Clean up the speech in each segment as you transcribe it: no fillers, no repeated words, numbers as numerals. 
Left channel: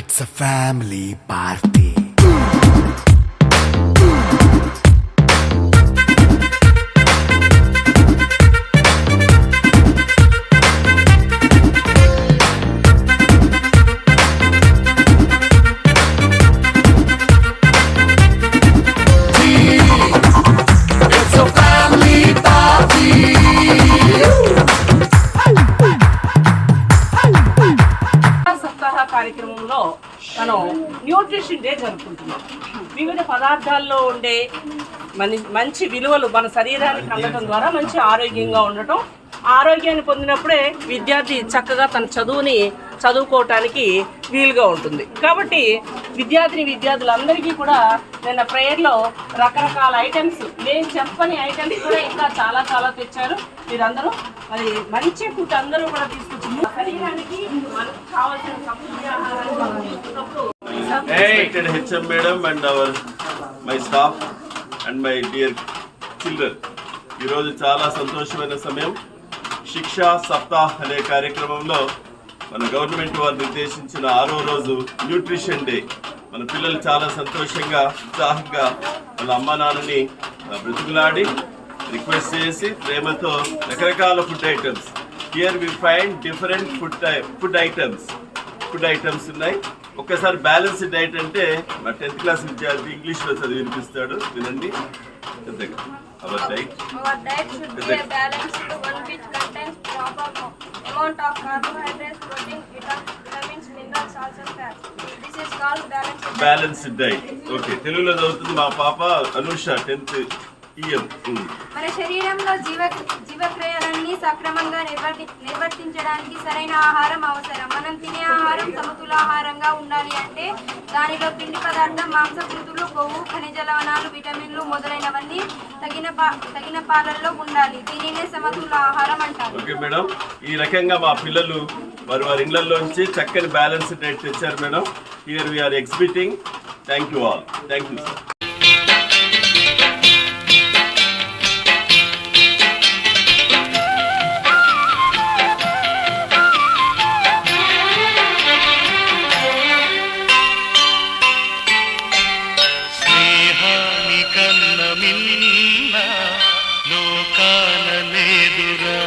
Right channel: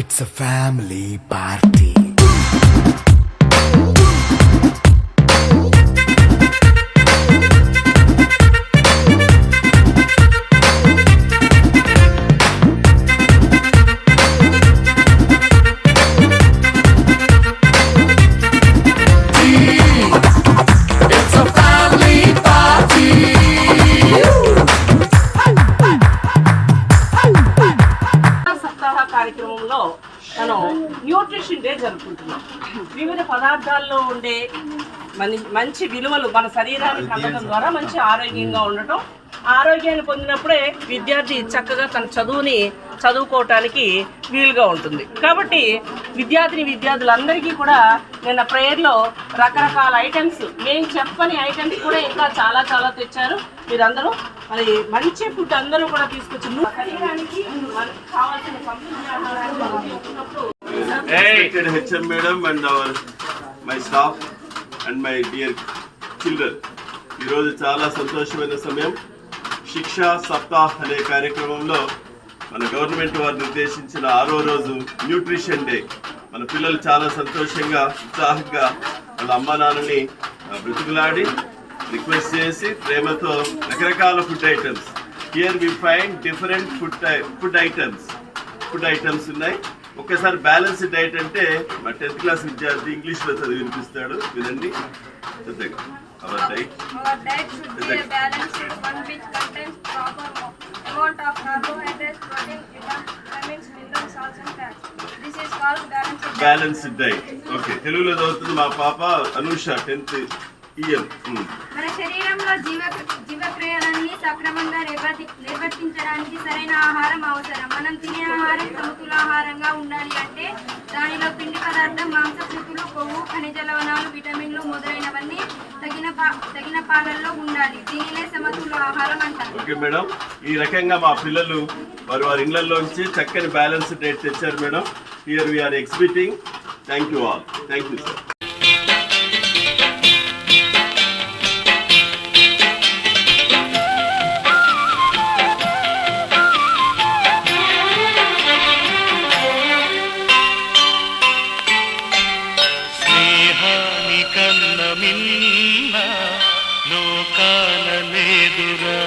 It's a family party. కార్యక్రమంలో మనం nutrition day జరుపుకుంటున్నాం. వివిధ పదార్థాల్లో ఉండే మంచి విలువలు మన శరీరానికి అందడం ద్వారా మంచి ఆరోగ్యంగా ఉండటం, ఆరోగ్యాన్ని పొందినప్పుడే విద్యార్థి చక్కగా తన చదువుని చదువుకోవటానికి వీలుగా ఉంటుంది. కాబట్టి విద్యార్థులందరికీ కూడా నిన్న ప్రేయర్లో రకరకాల ఐటమ్స్, నేను చెప్పని ఐటమ్స్ కూడా ఇంకా చాలా చాలా తెచ్చారు. మీరందరూ మరి మంచి ఫుడ్ అందరూ కూడా తీసుకొచ్చి శరీరానికి మనకు కావాల్సిన సమృద్ధి ఆహారాన్ని మనం తీసుకున్నప్పుడు HM madam and my staff and my dear children, ఈరోజు చాలా సంతోషమైన సమయం. శిక్షా సప్తాహ్ అనే కార్యక్రమంలో మన గవర్నమెంట్ వారు నిర్దేశించిన 6వ రోజు న్యూట్రిషన్ డే. మన పిల్లలు చాలా సంతోషంగా ఉత్సాహంగా వాళ్ళ అమ్మా నాన్నని బ్రతికులాడి రిక్వెస్ట్ చేసి ప్రేమతో రకరకాల food items, here we find different food items ఉన్నాయి. ఒక్కసారి బ్యాలెన్స్డ్ డైట్ అంటే మా 10th క్లాస్ విద్యార్థి ఇంగ్లీష్లో చదివి వినిపిస్తాడు, వినండి. Our diet should be a balanced one which contains proper amount of carbohydrates, protein, vitamins, minerals, salts and fats. This is called balanced diet. Okay, తెలుగులో చదువుతుంది మా పాప అనుష 10th EM. మన శరీరంలో జీవక్రియలన్నీ సక్రమంగా నిర్వర్తించడానికి సరైన ఆహారం అవసరం. మనం తినే ఆహారం సమతులాహారంగా ఉండాలి అంటే దానిలో పిండి పదార్థం, మాంసకృతులు, కొవ్వు, ఖనిజ లవణాలు, విటమిన్లు మొదలైనవన్నీ తగిన పాలల్లో ఉండాలి. దీనినే సమతుల ఆహారం అంటారు. ఓకే మేడం, ఈ రకంగా మా పిల్లలు వారి ఇళ్లలోంచి చక్కని బ్యాలెన్స్డ్ డైట్ తెచ్చారు madam. Here we are exhibiting. Thank you all. Thank you sir. స్నేహాని కన్న మిన్న లోకాల లేదురా,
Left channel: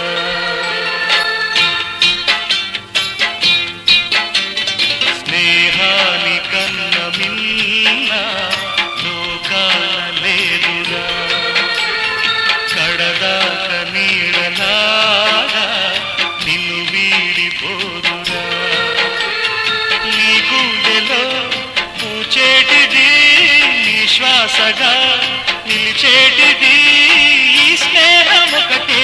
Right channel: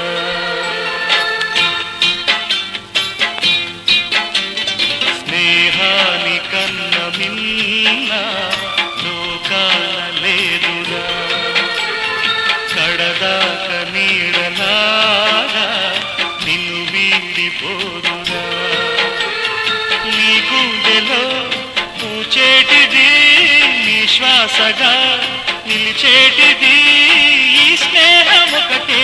కడదాక నీడలాగా నిన్ను వీడిపోదురా. నీ గుండెలో పూచేటిది, నీ శ్వాసగా నిలిచేటిది ఈ స్నేహం ఒకటే.